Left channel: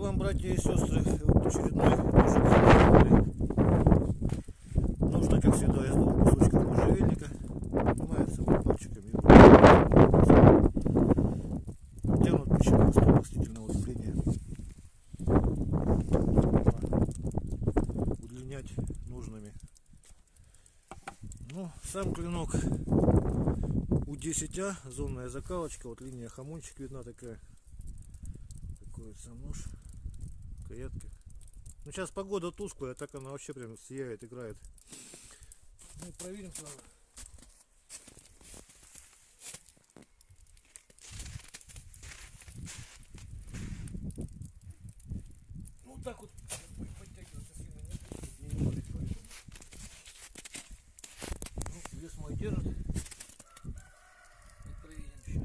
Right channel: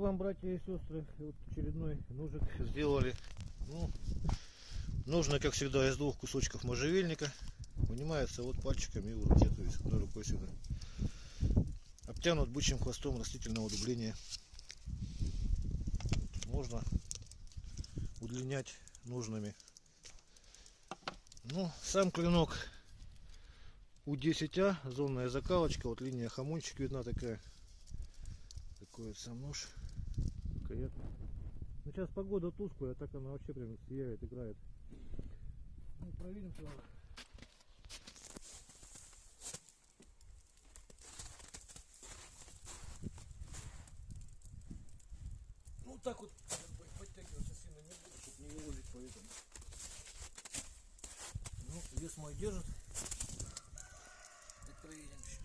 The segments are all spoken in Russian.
вам, братья и сестры, вот очередной ножик. Нужно, как всегда, из двух кусочков можжевельника. Поднимается вот пальчиками. Обтянут пучим хвостом растительного удлинения. Можно удлинять нужными. Ну, сам клинок у 10А, зонная закалочка, вот линия хамончик видна такая. Такой вот сам нож. Рукоятка. Ну, сейчас погода тусклая, так она вообще прям сияет, играет. Ну, проверим сразу. Ну, вот так вот подтягиваться сильно не будет, чтобы не вывалить, поэтому. Ну, вес мой держит. И проверим еще.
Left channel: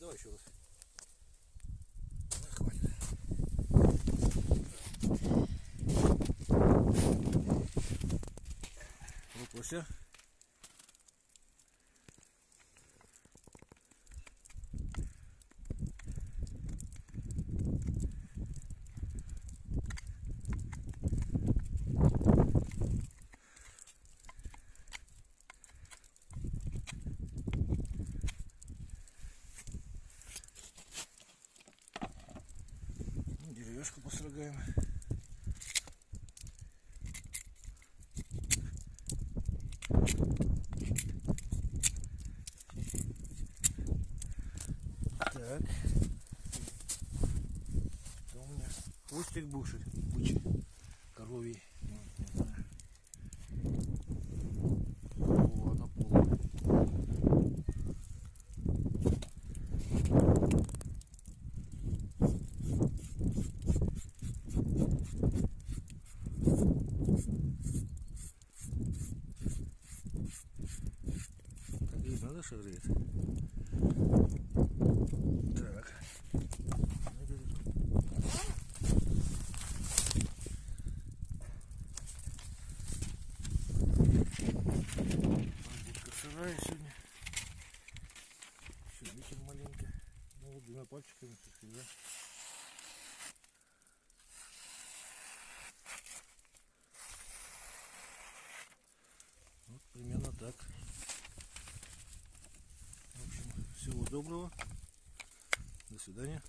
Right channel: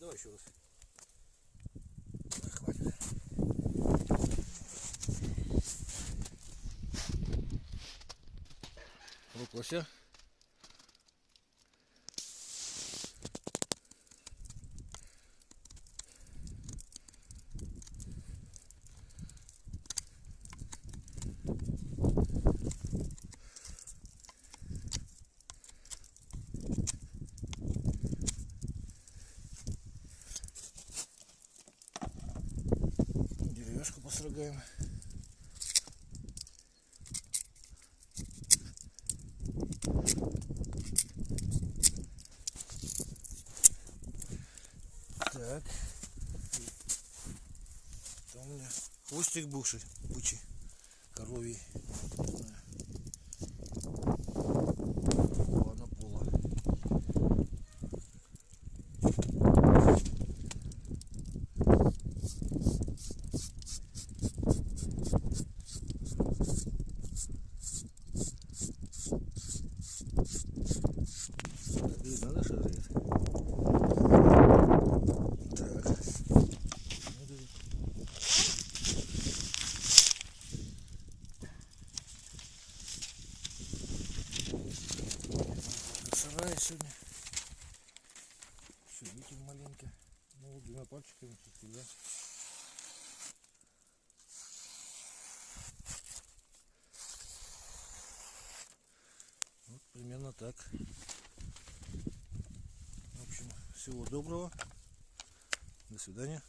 Давай еще раз. Хватит. Выпался. Деревяшку посрогаем. Так. Это у меня хвостик бывший, коровий. Пола на полу. Видно, да, что это? Так. Кольцевая сегодня. Еще видим маленький. Ну вот двумя пальчиками, как всегда. Вот примерно так. В общем, всего доброго. До свидания.